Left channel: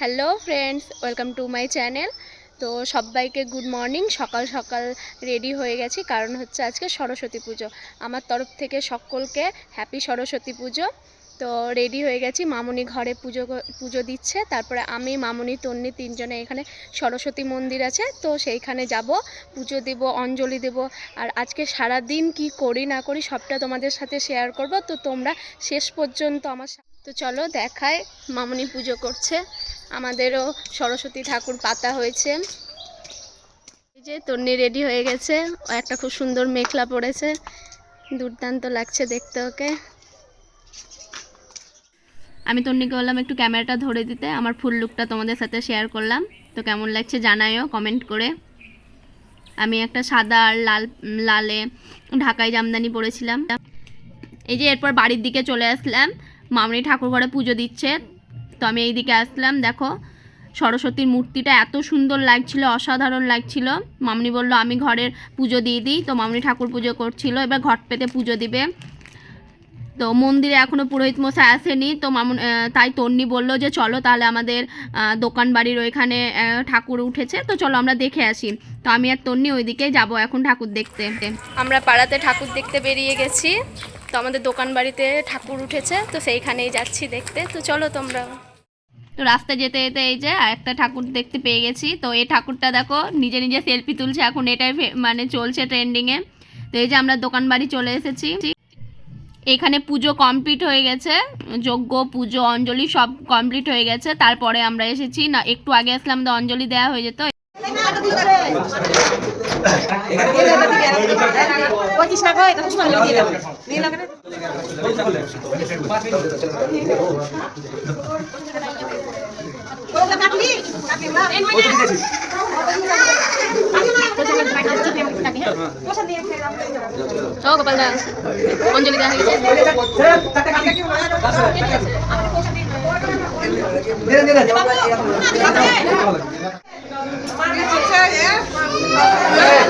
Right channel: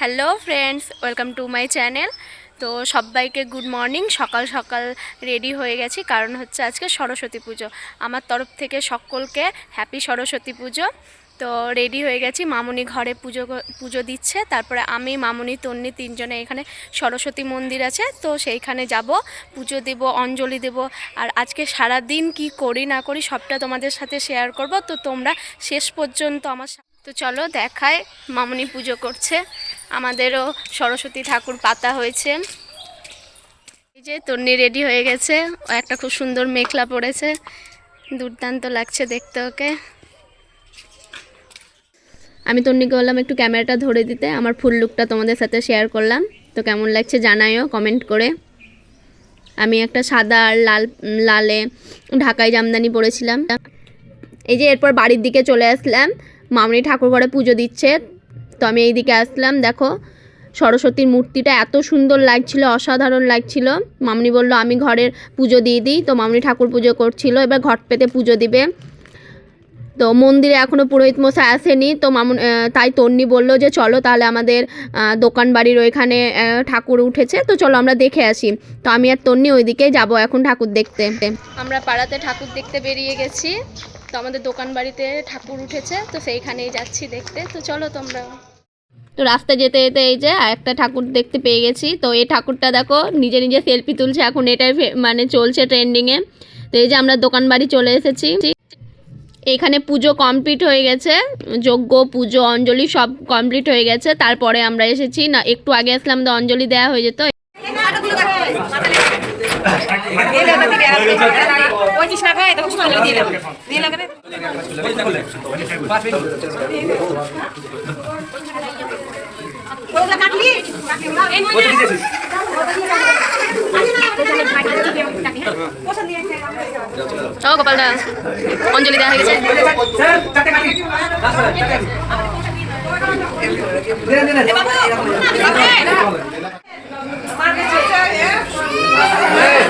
Hello friends, welcome to my channel. তো সবাইকে good morning, সকাল সকাল রেডি হয়ে গেছি, কারণ হচ্ছে আজকে সরস্বতী পুজো। আমার তরফ থেকে সকলকে হ্যাপি সরস্বতী পুজো। তো রেডি হয়ে গেছি, মামুনি ঘরে পুজো পুজো দিচ্ছে, তারপরে আমি, মামুনি, তন্নি তিনজনে এখানে সরস্বতী মন্দির আছে, তো সেইখানে যাব, পুজো দেব, অঞ্জলি দেব। আর আজকে সারা দিন কি করি না করি সবটা তোমাদের সাথে শেয়ার করব, তো তোমরা শেষ পর্যন্ত আমার তো চলো দেখায় মামুনি পুজো করছে। আমাদেরও সরস্বতী ঠাকুর পাতা হয়েছে। এই যে তন্নি রেডি হয়ে গেছে। ও একটা খুব সুন্দর মেখলা পড়েছে দুর্দান্ত লাগছে দেখতে ওকে। আমি তন্নিকে বললাম, একটু ক্যামেরাটা ধরে দিতে। আমার ফুল লুকটা তোমাদের সাথে শেয়ার করলাম। তো কেমন লাগছে জানাইও কমেন্ট করে। আমি একটা সাদা আর লাল, লালে ঢাকাই জামদানি পরেছিলাম। এই যে এরপর বাড়ির দিকে চলে আসলাম। মামনি ঠাকুর ঘরে পুজো দিচ্ছে। তো আমি এই দিকে আসলাম, দেখো। সরস্বতীর মূর্তিটা এত সুন্দর লাগছিল, অসাধারণ লাগছিল। মামনি বলল, আমি ঘরের পুজো দিয়ে দিই। তো মামনি ঠাকুর পুজো করছিল, এবার ঘট পেতে পুজো দিবে। তো মন্দিরে এখনও পুরোহিত মশাই আসেনি, তো মামুন তাই তন্নি বলল যে, চলো তাহলে আমাদের দোকান বাড়ির ওইখানে ঠাকুর উঠেছে। তো চলো আমরা দেখে আসি। তো আমি আর তন্নি ওইদিকে যাব এখন ঠাকুর দেখতে। আমরা পাড়াতে ঠাকুর দেখতে বেরিয়ে গেছি। তো আমাদের দোকান বাড়িতে ঠাকুর উঠেছে, তো সেইখানেই যাচ্ছি দেখতে। তো চলো তোমরা। তো রাস্তায় যেতে যেতে এই যে একটা ঠাকুর দেখতে পেয়ে গেছি। তো এই ঠাকুরটা দেখো, নিজে নিজে সেলফি তুলছে। এখন এটাই মানে চলছে ট্রেন্ডিংয়ে তো এই যে আমরা দোকান বাড়ি চলে এসেছি। এখানে পুজো কমপ্লিট হয়ে গেছে। যজ্ঞ, পুজো, অঞ্জলি সব কমপ্লিট হয়ে গেছে। তারপরে আমরা এসেছি। না, একটু আগে আসলাম, তো অঞ্জলি দেওয়া হয়ে যেত। ও গোপালদা অঞ্জলি দেওয়া হয়ে গেছে।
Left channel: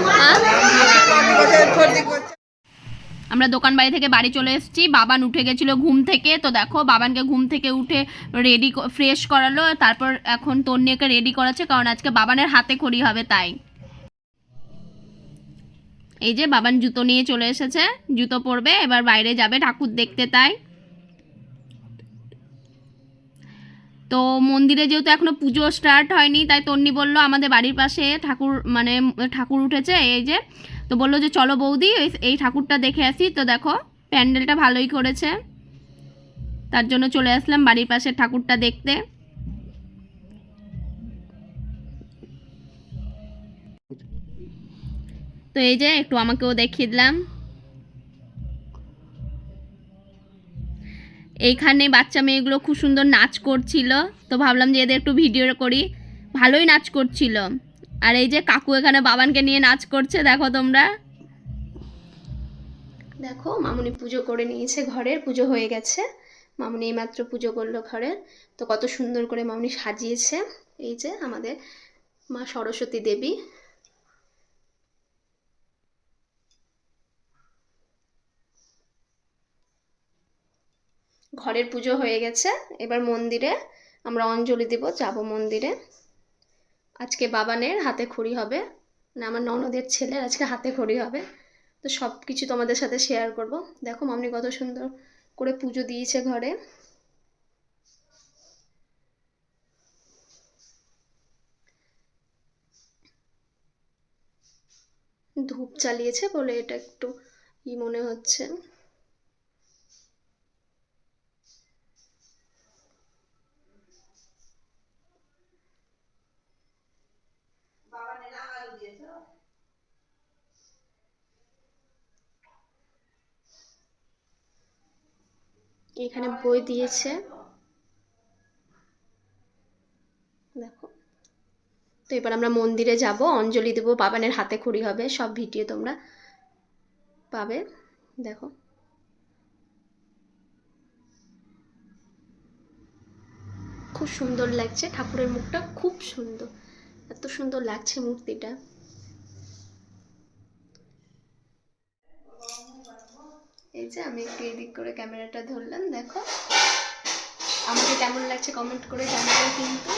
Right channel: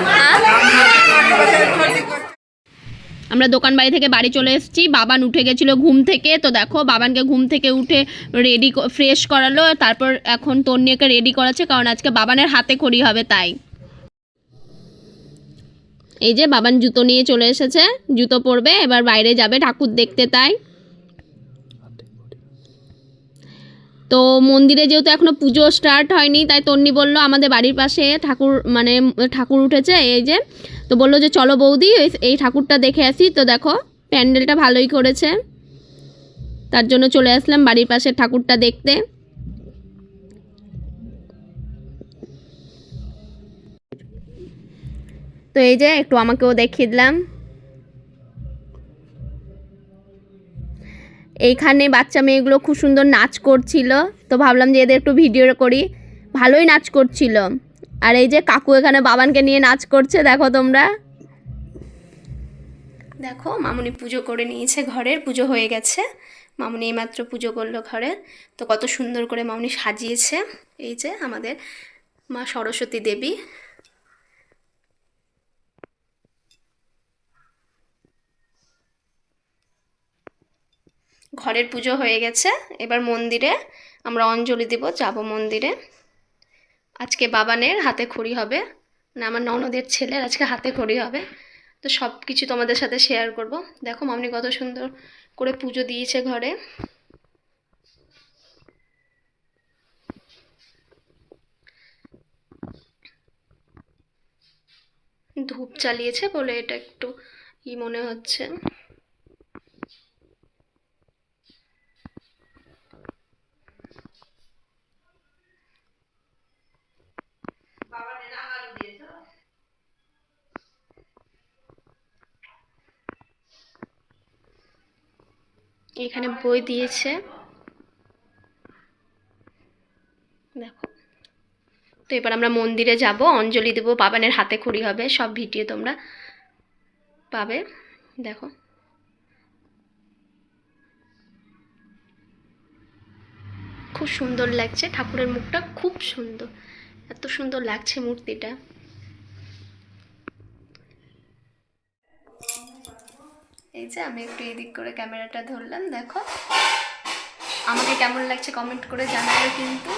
হ্যাঁ? আমরা দোকান বাড়ি থেকে বাড়ি চলে এসেছি। বাবান উঠে গেছিল ঘুম থেকে। তো দেখো, বাবানকে ঘুম থেকে উঠে রেডি ফ্রেশ করালো। তারপর এখন তন্নিয়াকে রেডি করাচ্ছে, কারণ আজকে বাবানের হাতে খড়ি হবে তাই। এই যে বাবান জুতো নিয়ে চলে এসেছে। জুতো পরবে, এবার বাইরে যাবে ঠাকুর দেখতে তাই। তো মন্দিরে যেহেতু এখনও পুজো স্টার্ট হয়নি, তাই তন্নি বলল আমাদের বাড়ির পাশে ঠাকুর মানে ঠাকুর উঠেছে। এই যে তো বলল যে, চলো বৌদি, এই- ঠাকুরটা দেখে আসি। তো দেখো, প্যান্ডেলটা ভালোই করেছে। তার জন্য চলে আসলাম বাড়ির পাশে ঠাকুরটা দেখতে। তো এই যে, একটু আমাকেও দেখিয়ে দিলাম। এইখানে বাচ্চা মেয়েগুলো খুব সুন্দর নাচ করছিল। তো ভাবলাম যে, এদের একটু ভিডিও করি। ভালোই নাচ করছিল। আর এই যে কাকু এখানে বাবানকে নিয়ে নাচ করছে, দেখো তোমরা। দেখো, মামুনি পুজো করে নিয়েছে ঘরের, পুজো হয়ে গেছে। মামুনি এইমাত্র পুজো করল ঘরে। তো কত সুন্দর করে মামুনি সাজিয়েছে। এই যে আমাদের মা সরস্বতী দেবী। ঘরের পুজো হয়ে গেছে। এবার মন্দিরে আমরা অঞ্জলি দেব, যাব মন্দিরে। আজকে বাবানের হাতে খড়ি হবে, না আমার ননদের ছেলের আজকে হাতে খড়ি হবে। তো সব কিছু তোমাদের সাথে শেয়ার করব। দেখো মামনি কত সুন্দর করে পুজো দিয়েছে ঘরে। ধূপ চালিয়েছে বলে এটা একটু ই মনে হচ্ছে। এখানে বই দিয়েছে। দেখো। তো এবার আমরা মন্দিরে যাব, অঞ্জলি দেবো, বাবানের হাতে খড়ি হবে, সব ভিডিও তোমরা পাবে। দেখো। খুব সুন্দর লাগছে ঠাকুরের মুখটা, খুব সুন্দর। এত সুন্দর লাগছে মূর্তিটা। যে আমি একটু এদিক করে ক্যামেরাটা ধরলাম, দেখো। আমাকে কেমন লাগছে কমেন্ট করে জানাবে কিন্তু।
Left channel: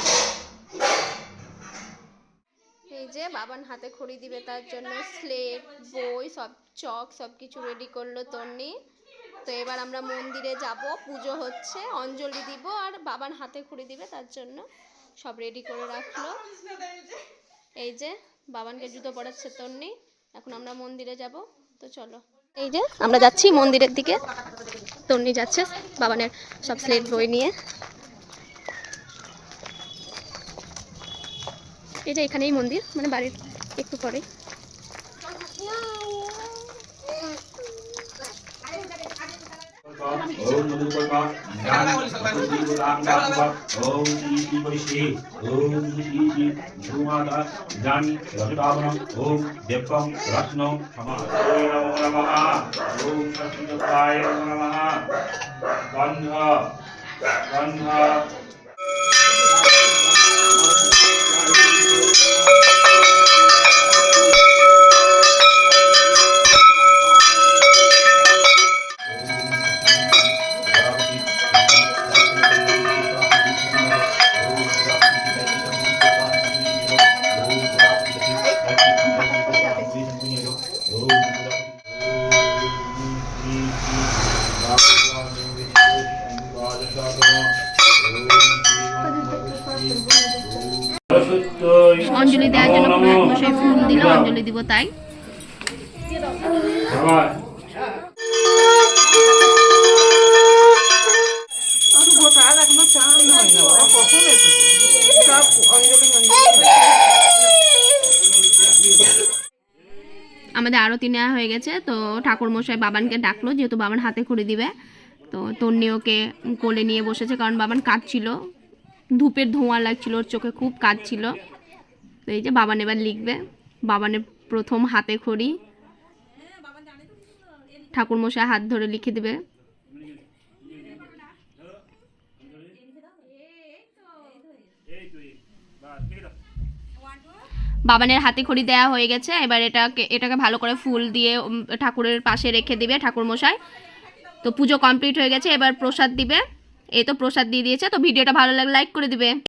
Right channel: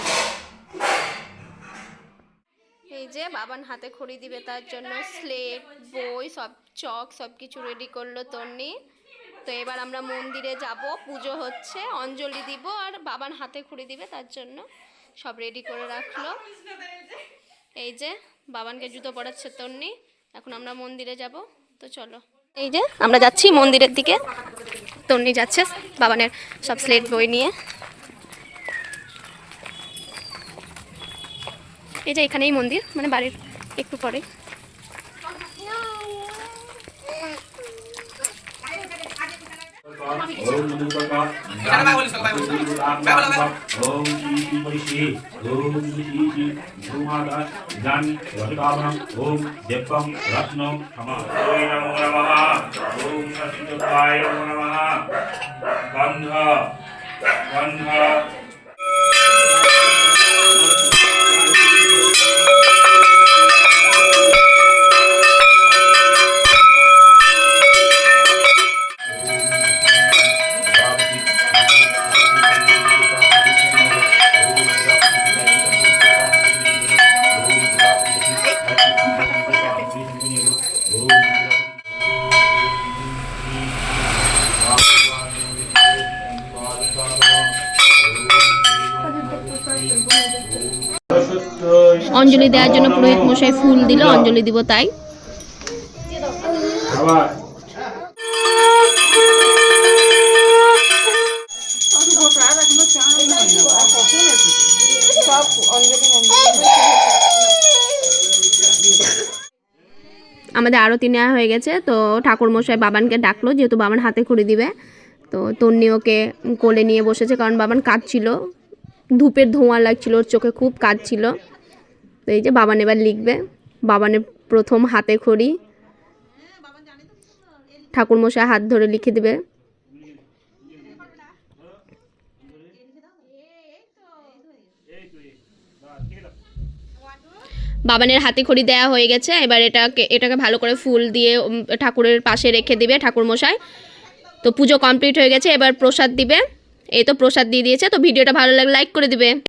এই যে বাবান হাতে খড়ি দিবে, তার জন্য স্লেট বই, সব চক, সব কিছু রেডি করল তন্নি। তো এবার আমরা মন্দিরে যাব, পুজো হচ্ছে, অঞ্জলি দিব, আর বাবান হাতে খড়ি দিবে, তার জন্য সব রেডি করে রাখল। এই যে বাবানকে জুতো পড়াচ্ছে তন্নি, এখন আমরা মন্দিরে যাব, তো চলো। এই যে, আমরা যাচ্ছি মন্দিরের দিকে। তন্নি যাচ্ছে বাবানের সব স্লেট বই নিয়ে। এই যে এখানেই মন্দির মানে বাড়ির একটু পরে ओम मधुकर्मा ओम श्री श्री परिषे ओम श्री श्री भूमाता जानी रजतावनम ओम देवम रत्न क्षमा ओम नमो नमः ओम सत्य नमो नमः गंध गंध অঞ্জলি দেওয়ার জন্য পুরোহিত মশাই ফুল দিল অঞ্জলি দিব তাই। আমাদের আরতি নেওয়া হয়ে গেছে তো ঠাকুর মশাই বাবানকে ডাকলো যেহেতু বাবান হাতে খড়ি দিবে। তো তন্নি ওকে কোলে নিয়ে বসেছে কারণ বাবান কাঁদছিল। ধূপের ধোঁয়া লাগছিল ওর চোখে খুব কাঁদছিল। এই যে বাবান এবার লিখবে। বাবানের প্রথম হাতে খড়ি। ঠাকুর মশাই হাত ধরে লিখে দিবে। বাবানের হাতে খড়ি দেওয়া হয়ে গেছে। এবার এটাকে এটাকে ভালো করে ফুল দিয়ে ঠাকুরের পাশে রেখে দিবে ঠাকুর মশাই তো পুজো কমপ্লিট হয়ে গেছে। এবার প্রসাদ দিবে। এই তো প্রসাদ দিয়ে দিয়েছে। তো ভিডিওটা ভালো লাগলে লাইক করে দিবে।